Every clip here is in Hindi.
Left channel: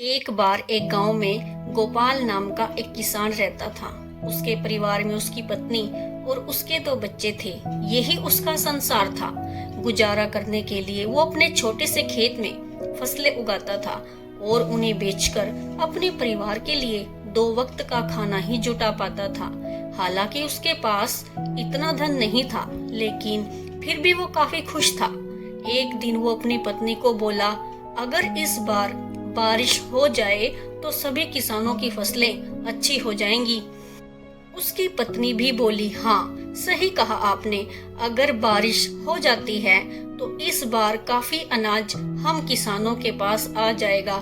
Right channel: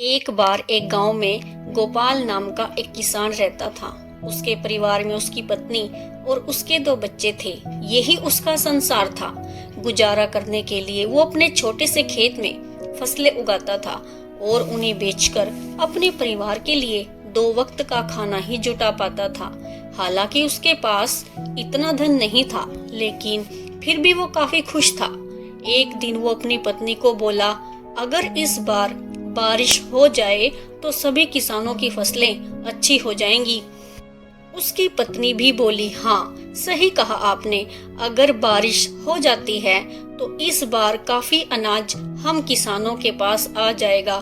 एक बार एक गांव में गोपाल नाम का एक किसान रहता था। उसके परिवार में उसकी पत्नी और उसके 2 बच्चे थे। यही उसका संसार था। गुजारा करने के लिए वो अपने छोटे से खेत में फसलें उगाता था और उन्हें बेचकर अपने परिवार के लिए 2 वक्त का खाना ही जुटा पाता था। हालांकि उसके पास इतना धन नहीं था, लेकिन फिर भी वो काफी खुश था। एक दिन वो अपनी पत्नी को बोला, अगर इस बार बारिश हो जाए तो सभी किसानों की फसलें अच्छी हो जाएंगी। उसकी पत्नी भी बोली, हाँ सही कहा आपने, अगर बारिश हो जाती है तो इस बार काफी अनाज हम किसानों के पास आ जाएगा।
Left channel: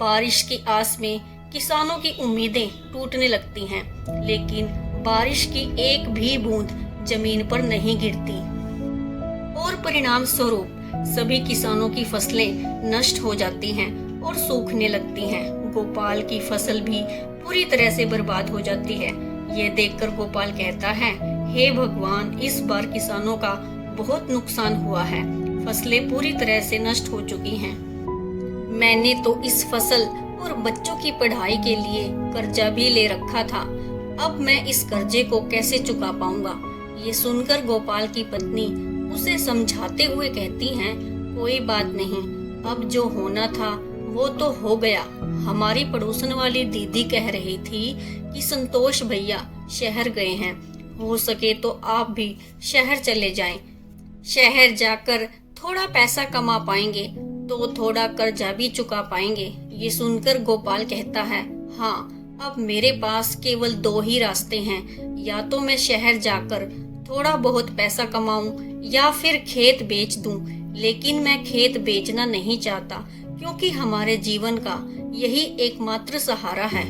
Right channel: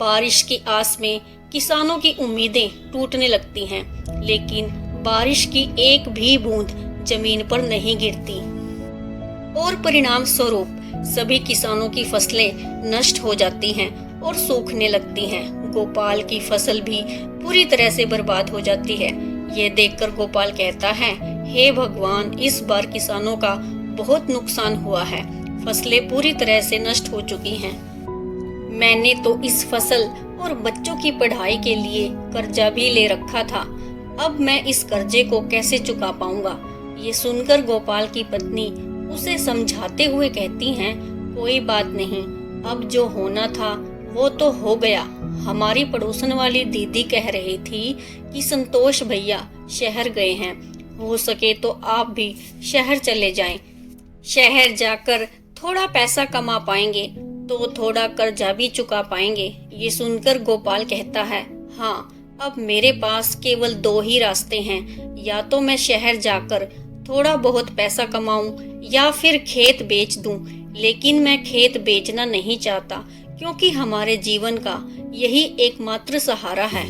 बारिश की आस में किसानों की उम्मीदें टूटने लगती हैं, लेकिन बारिश की एक भी बूंद जमीन पर नहीं गिरती और परिणाम स्वरूप सभी किसानों की फसलें नष्ट हो जाती हैं और सूखने लगती हैं। गोपाल की फसल भी पूरी तरह से बर्बाद हो जाती है। ये देखकर गोपाल कहता है, हे भगवान, इस बार किसानों का बहुत नुकसान हुआ है। फसलें पूरी तरह से नष्ट हो चुकी हैं। मैंने तो इस फसल और बच्चों की पढ़ाई के लिए कर्जा भी ले रखा था। अब मैं इस कर्जे को कैसे चुका पाऊंगा? ये सुनकर गोपाल की पत्नी उसे समझाते हुए कहती हैं, कोई बात नहीं, अब जो होना था वो तो हो गया। हमारी पड़ोसन वाली दीदी कह रही थी कि संतोष भैया शहर गए हैं, हो सके तो आप भी शहर चले जाएं। शहर जाकर थोड़ा पैसा कमा पाएंगे तो थोड़ा कर्जा भी चुका पाएंगे। ये सुनकर गोपाल कहता है, हाँ, अब मेरे पास केवल 2 ही रास्ते हैं, या तो मैं शहर जाकर थोड़ा बहुत पैसा कमाऊं या फिर खेत बेच दूं। लेकिन मैं खेत बेचना नहीं चाहता, क्योंकि हमारे जीवन का यही एकमात्र सहारा है।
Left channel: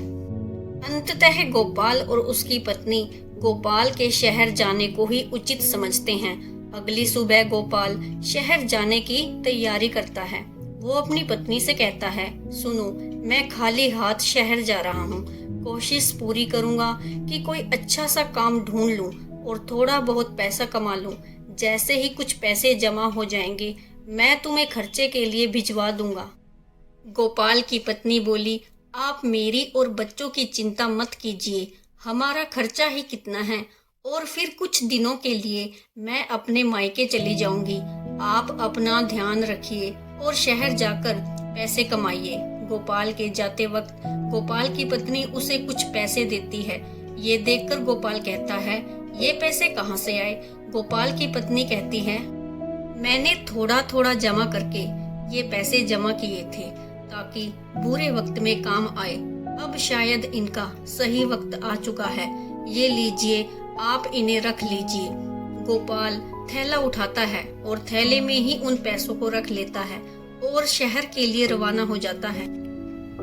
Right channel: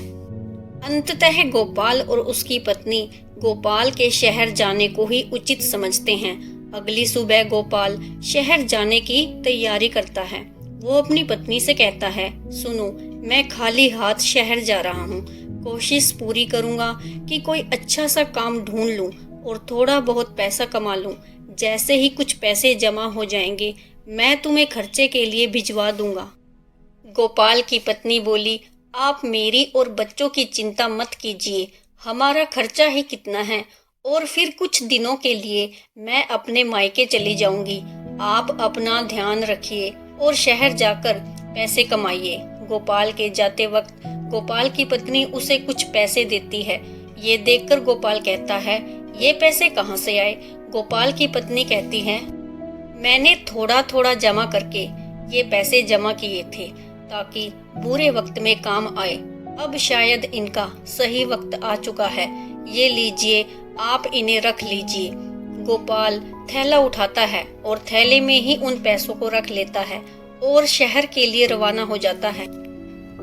अंततः गोपाल और उसकी पत्नी गोपाल के शहर जाने को ही उचित समझते हैं। अगली सुबह गोपाल शहर जाने की तैयारी करता है। वो अपनी पत्नी से कहता है, सुनो, मैं खाली हाथ शहर जा रहा हूँ। कोशिश पूरी करूँगा कि कोई अच्छा सा काम ढूंढ लूँ और थोड़ा बहुत पैसा कमा लूँ। जैसे ही कुछ पैसे जमा हो जाएंगे, मैं तुम्हें खर्चे के लिए भिजवा दूंगा। गोपाल की पत्नी बोली, आप मेरी और बच्चों की चिंता मत कीजिए, हमारा खर्चा ही कितना है, और फिर कुछ दिनों के लिए मैं अपने मायके चली जाऊंगी। आप अपना ध्यान रखिए और शहर जाकर पैसे कमाइए। गोपाल के जाते वक्त गोपाल की पत्नी उसे कुछ पैसे देती है। ये देखकर गोपाल कहता है, ये पैसे कहाँ से आए? गोपाल की पत्नी कहती है, मैंने थोड़ा थोड़ा जमा करके ये पैसे जमा किए थे ताकि बुरे वक्त में काम आए। अब शायद इनका सही वक्त आ चुका है। ये लीजिए, आप इन्हें रख लीजिए। गोपाल थैला उठाता है और थैले में ही उन पैसों को रख लेता है और शहर के लिए रवाना हो जाता है।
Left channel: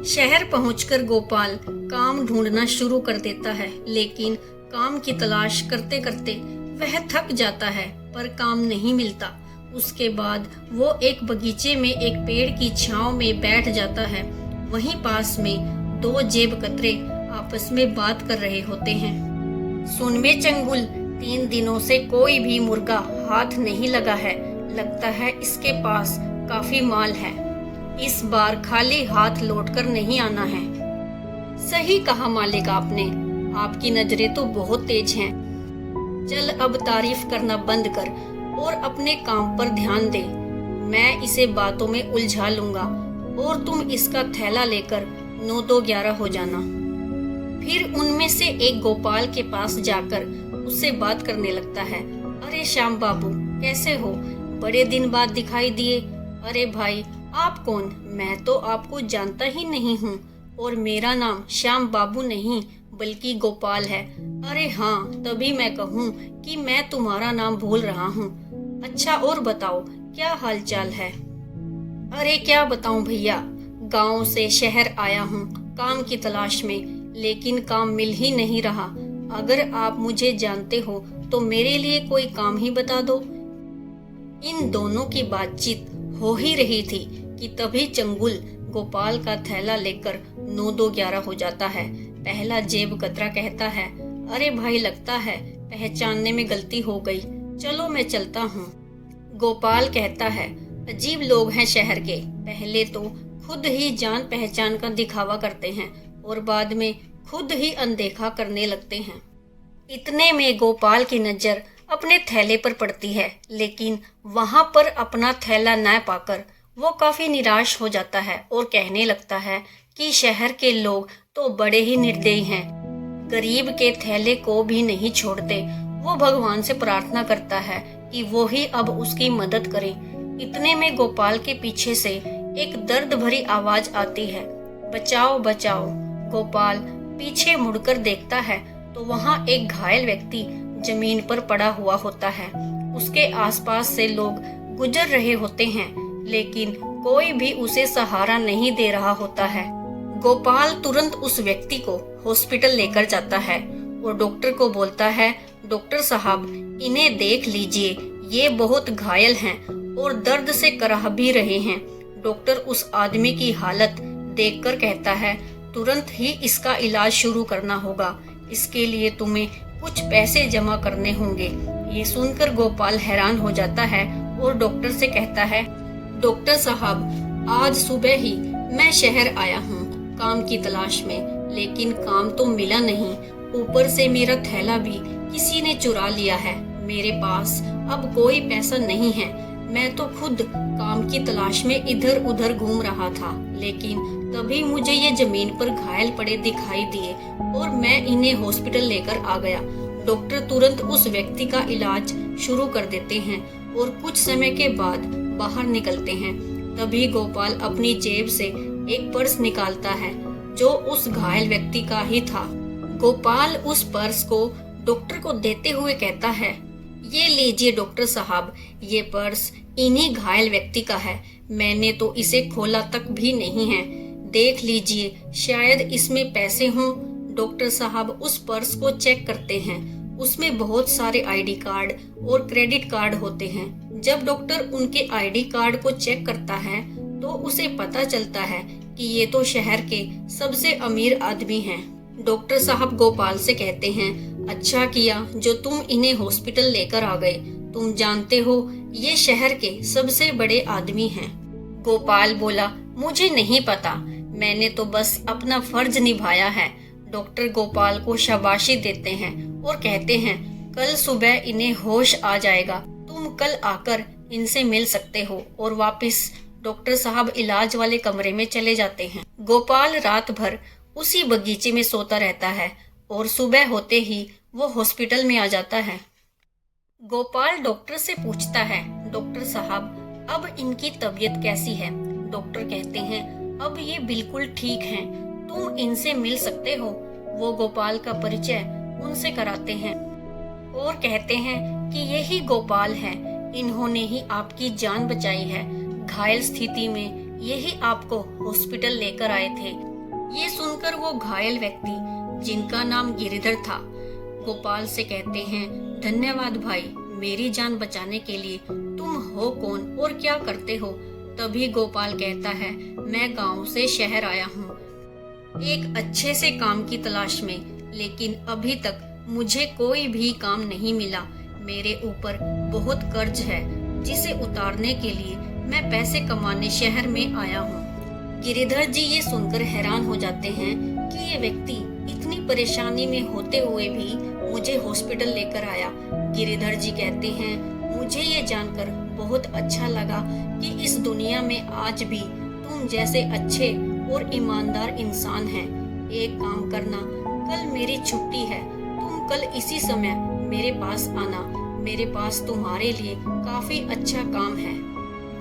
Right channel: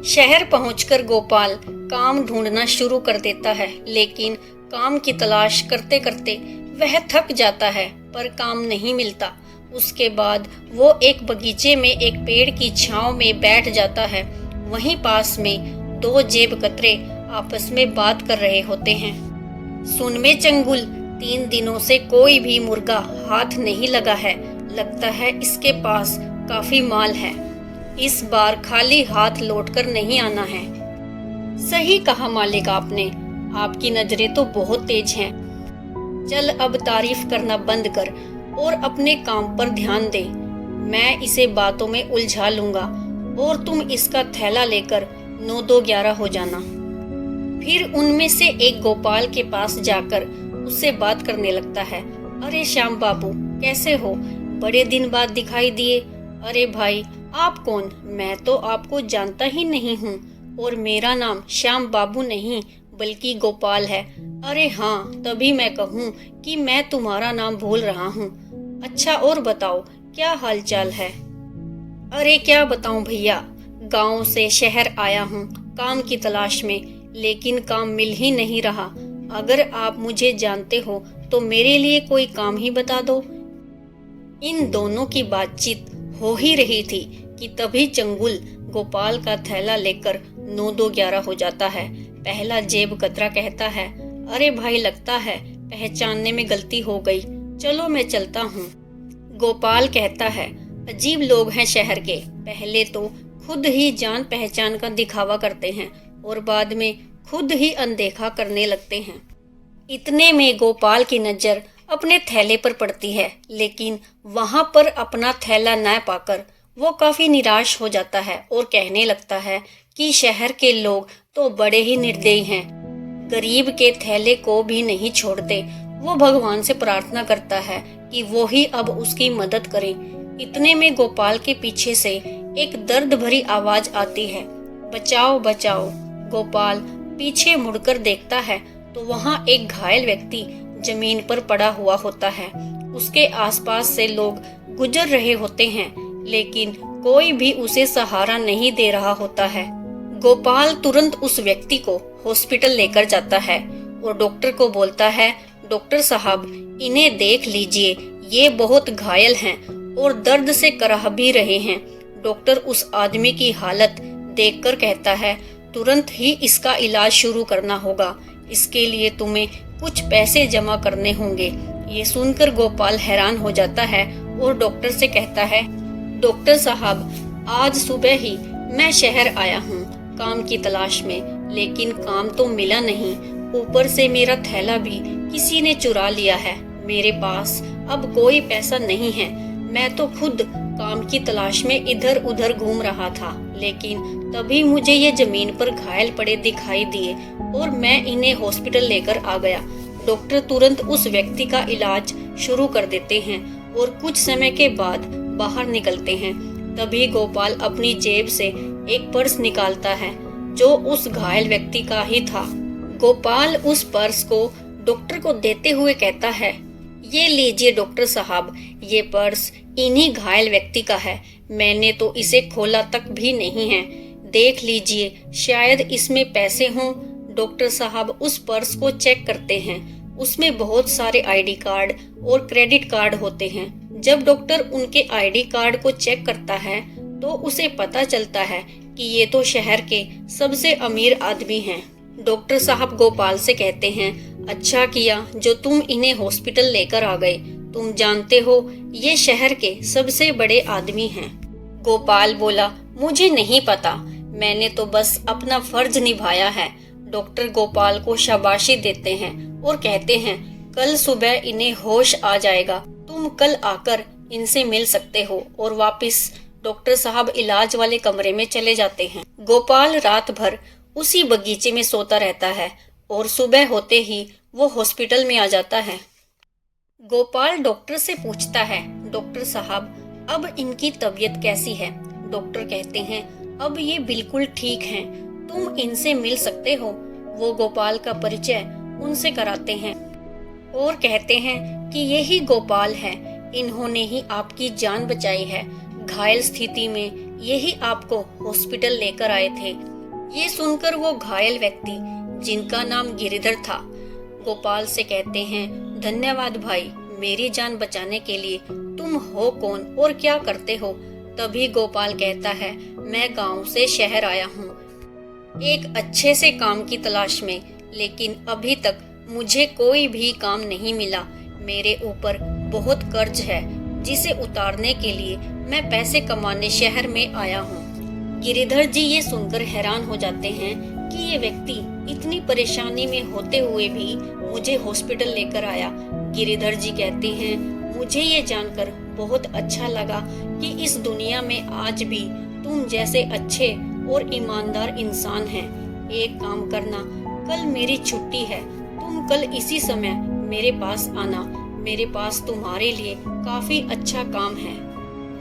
शहर पहुंचकर गोपाल काम ढूंढना शुरू कर देता है, लेकिन काम की तलाश करते करते वह थक जाता है, पर काम नहीं मिलता। उसके बाद वो एक बगीचे में एक पेड़ की छांव में बैठ जाता है। वहीं पास में 2 जेब कतरे आपस में बात कर रहे होते हैं। सुन में चंगुल, 3 दिनों से कोई भी मुर्गा हाथ नहीं लगा है। लगता है इसके पास काफी माल है। इस बार खाली हाथ लौटकर नहीं आना है। सही कहा मालिक आपने, आपकी नजरें तो बहुत तेज हैं। चल अब तारीफ करना बंद कर और अपने काम पर ध्यान दे। मैं इसे बातों में उलझा लूंगा और तुम इसका थैला लेकर 9-2-11 हो जाना। फिर उनमें से एक गोपाल के पास जाकर उससे बात करने लगता है। अरे श्याम बाबू, कैसे हो? बड़े दिन बाद दिखाई दिए। अरे भाई, आप कौन? मैं तो आपको जानता ही नहीं हूँ, और मेरा नाम श्याम बाबू नहीं बल्कि गोपाल है। अरे हाँ, तभी मैं कहूँ कि मैं तुम्हारा नाम भूल रहा हूँ। अच्छा, और बताओ, क्या हालचाल है? अरे क्या बताऊं भैया, गांव से शहर आया हूँ काम की तलाश में, लेकिन काम मिल ही नहीं रहा। अगर आप मुझे जानते हो तो मेरे लिए कोई काम ही बता दो। इन दोनों की बातचीत हो ही रही थी कि तभी चंगुल गोपाल का थैला लेकर 9-2-11 हो जाता है। पहला जेब कतरा कहता है, अरे भाई, लगता है पहचानने में गलती हो गई, चलो मैं चलता हूँ। गोपाल कहता है, अजीब लोग हैं शहर के, पहले तो खुद ही जान पहचान का दिखावा करते हैं और बाद में खुद ही अनदेखा करने लगते हैं। इतने में गोपाल की नज़र अपने थैले पर पड़ती है, लेकिन वहां पर अपना थैला न पाकर वो काफी निराश हो जाता है और कहने लगता है कि शहर के लोग तो बड़े ही निर्दयी हैं, गरीब के थैले को भी नहीं छोड़ते। वो भगवान से प्रार्थना करता है कि वो ही अब उसकी मदद करे। इतने में गोपाल के पीछे से एक दर्द भरी आवाज आती है, बचाओ बचाओ। गोपाल पीछे मुड़कर देखता है तो वहाँ एक घायल व्यक्ति जमीन पर पड़ा हुआ होता है। उसके आसपास से लोग गुजर रहे होते हैं, लेकिन कोई भी उसे सहारा नहीं दे रहा होता है। गोपाल तुरंत उस व्यक्ति को हॉस्पिटल लेकर जाता है और डॉक्टर को बोलता है, डॉक्टर साहब इन्हें देख लीजिए, ये बहुत घायल हैं और दर्द से कराह भी रहे हैं। डॉक्टर उस आदमी की हालत देखकर कहता है, तुरंत ही इसका इलाज शुरू करना होगा, इसके लिए तुम्हें कुछ पैसे जमा करने होंगे। ये सुनकर गोपाल हैरान हो जाता है और डॉक्टर से कहता है, डॉक्टर साहब आज सुबह ही मैं शहर आया हूँ काम की तलाश में, लेकिन काम तो मिला नहीं, ऊपर से मेरा थैला भी किसी ने चुरा लिया है। मेरे पास अब कोई पैसा नहीं है। मैं तो खुद काम की तलाश में इधर उधर घूम रहा था, लेकिन तभी मुझे ये जमीन पर घायल पड़े दिखाई दिए और मैं इन्हें हॉस्पिटल लेकर आ गया। डॉक्टर तुरंत उस व्यक्ति का इलाज शुरू कर देते हैं और कुछ समय के बाद बाहर निकलते हैं। तभी गोपाल अपनी जेब से एक पर्स निकालता है जो उस घायल व्यक्ति का ही था। गोपाल उस पर्स को डॉक्टर को देते हुए कहता है, ये लीजिए डॉक्टर साहब, ये पर्स इन्हीं घायल व्यक्ति का है। मैंने तो इसे खोला तक भी नहीं है, देख लीजिए शायद इसमें पैसे हों। डॉक्टर साहब उस पर्स को चेक करते हैं, उसमें बहुत सारे आईडी कार्ड और क्रेडिट कार्ड होते हैं। जब डॉक्टर उनके आईडी कार्ड को चेक करता है तो उसे पता चलता है कि ये तो शहर के सबसे अमीर आदमी हैं। डॉक्टर साहब गोपाल से कहते हैं, अच्छा किया जो तुम इन्हें हॉस्पिटल लेकर आ गए, तुम जानते हो ये शहर के सबसे बड़े आदमी हैं। गोपाल बोला, मुझे नहीं पता, मैंने तो बस अपना फर्ज निभाया है। डॉक्टर गोपाल को शाबाशी देते हैं और कहते हैं, कल सुबह इन्हें होश आ जाएगा, तुम कल आकर इनसे मिल सकते हो। और वापस डॉक्टर साहब इलाज वाले कमरे में चले जाते हैं। गोपाल रात भर उसी बगीचे में सोता रहता है और सुबह होते ही वो हॉस्पिटल में आ जाता है। गोपाल डॉक्टर से पूछता है, डॉक्टर साहब अब इनकी तबीयत कैसी है? डॉक्टर कहते हैं, अब ये बिल्कुल ठीक हैं, तुम इनसे मिल सकते हो। वो गोपाल का परिचय उनसे कराते हैं और कहते हैं कि यही गोपाल है, इन्होंने ही आपकी जान बचाई है। घायल स्थिति में यही आपको हॉस्पिटल लेकर आए थे। ये सुनकर वो घायल व्यक्ति जिनका नाम गिरिधर था गोपाल से कहते हैं, धन्यवाद भाई, मेरी जान बचाने के लिए। तुम हो कौन और क्या करते हो? तभी गोपाल कहता है, मैं गांव से शहर आया हूँ एक अच्छे से काम की तलाश में, लेकिन अभी तक मुझे कोई भी काम नहीं मिला। मेरे ऊपर बहुत कर्ज है जिसे उतारने के लिए मैं पैसे कमाने शहर में आया हूँ। गिरिधर जी ये सुनकर हैरान हो जाते हैं कि ये व्यक्ति इतनी परेशानी में होते हुए भी मुझे हॉस्पिटल लेकर आया। गिरिधर जी कहते हैं, मुझे ये जानकर बहुत अच्छा लगा कि इस दुनिया में आज भी तुम जैसे अच्छे और ईमानदार इंसान हैं। एक काम करना, कल मेरी छुट्टी है, तुम कल इसी समय मेरे पास आना, मेरे पास तुम्हारे लिए काफी अच्छा काम है।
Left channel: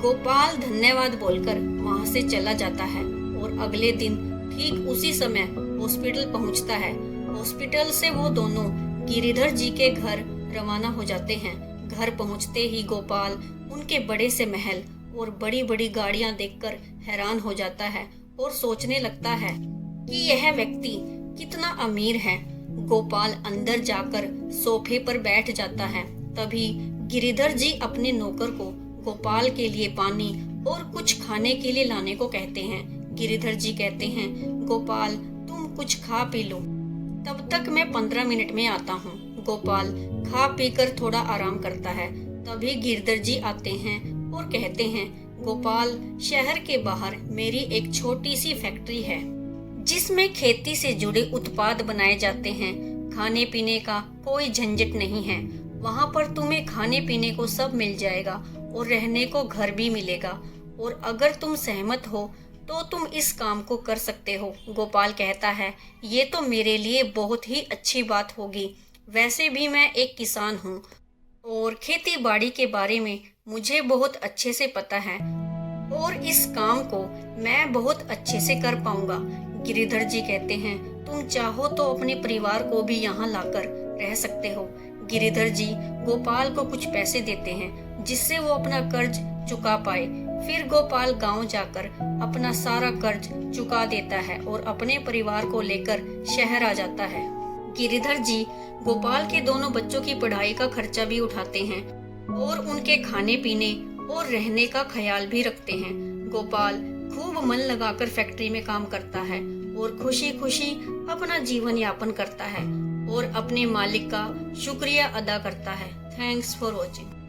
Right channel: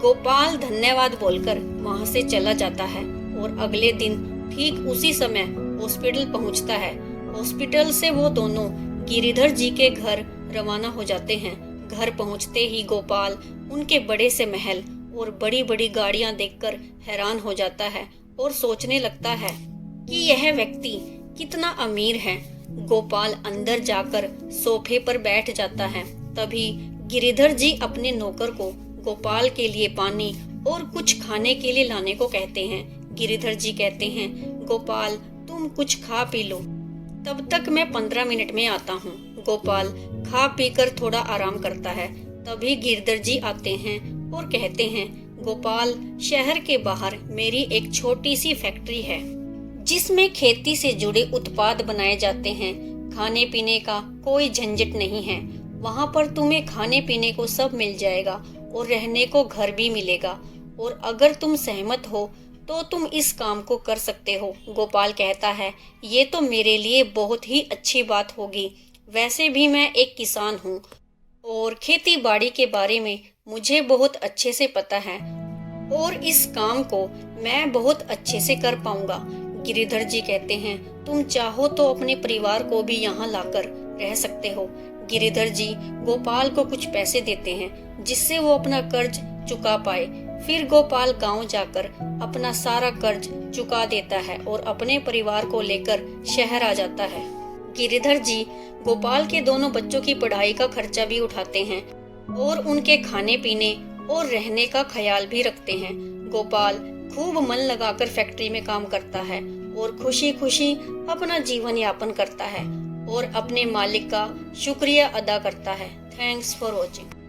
गोपाल धन्यवाद बोलकर वहाँ से चला जाता है और अगले दिन ठीक उसी समय हॉस्पिटल पहुँचता है। हॉस्पिटल से वो दोनों गिरिधर जी के घर रवाना हो जाते हैं। घर पहुँचते ही गोपाल उनके बड़े से महल और बड़ी बड़ी गाड़ियां देखकर हैरान हो जाता है और सोचने लगता है कि यह व्यक्ति कितना अमीर है। गोपाल अंदर जाकर सोफे पर बैठ जाता है। तभी गिरिधर जी अपने नौकर को गोपाल के लिए पानी और कुछ खाने के लिए लाने को कहते हैं। गिरिधर जी कहते हैं, गोपाल तुम कुछ खा पी लो, तब तक मैं 15 मिनट में आता हूँ। गोपाल खा पीकर थोड़ा आराम करता है। तभी गिरधर जी आते हैं और कहते हैं, गोपाल, शहर के बाहर मेरी एक छोटी सी फैक्ट्री है जिसमें खेती से जुड़े उत्पाद बनाए जाते हैं। खाने पीने का कोई झंझट नहीं है। वहाँ पर तुम्हें खाने पीने को सब मिल जाएगा और रहने को घर भी मिलेगा, और अगर तुम सहमत हो तो तुम इस काम को कर सकते हो। गोपाल कहता है, ये तो मेरे लिए बहुत ही अच्छी बात होगी। वैसे भी मैं एक किसान हूँ और खेती बाड़ी के बारे में मुझे बहुत अच्छे से पता है, और इस काम को मैं बहुत अच्छे से कर पाऊंगा। गिरिधर जी कहते हैं, तुम चाहो तो अपने परिवार को भी यहाँ लाकर रह सकते हो। गिरिधर जी गोपाल को कुछ पैसे देते हैं जिससे वो अपना कर्ज चुका पाए। फिर गोपाल गांव जाकर अपना सारा कर्ज चुका देता है और अपने परिवार को लेकर शहर आ जाता है। गिरिधर जी गोपाल के दोनों बच्चों की पढ़ाई का खर्चा भी उठाते हैं और उनके खाने पीने और रहने का ख्याल भी रखते हैं। गोपाल खूब मन लगाकर फैक्ट्री में काम करता है और खुशी खुशी अपना जीवन यापन करता है और अपने मालिक का शुक्रिया अदा करता है। Thanks for watching.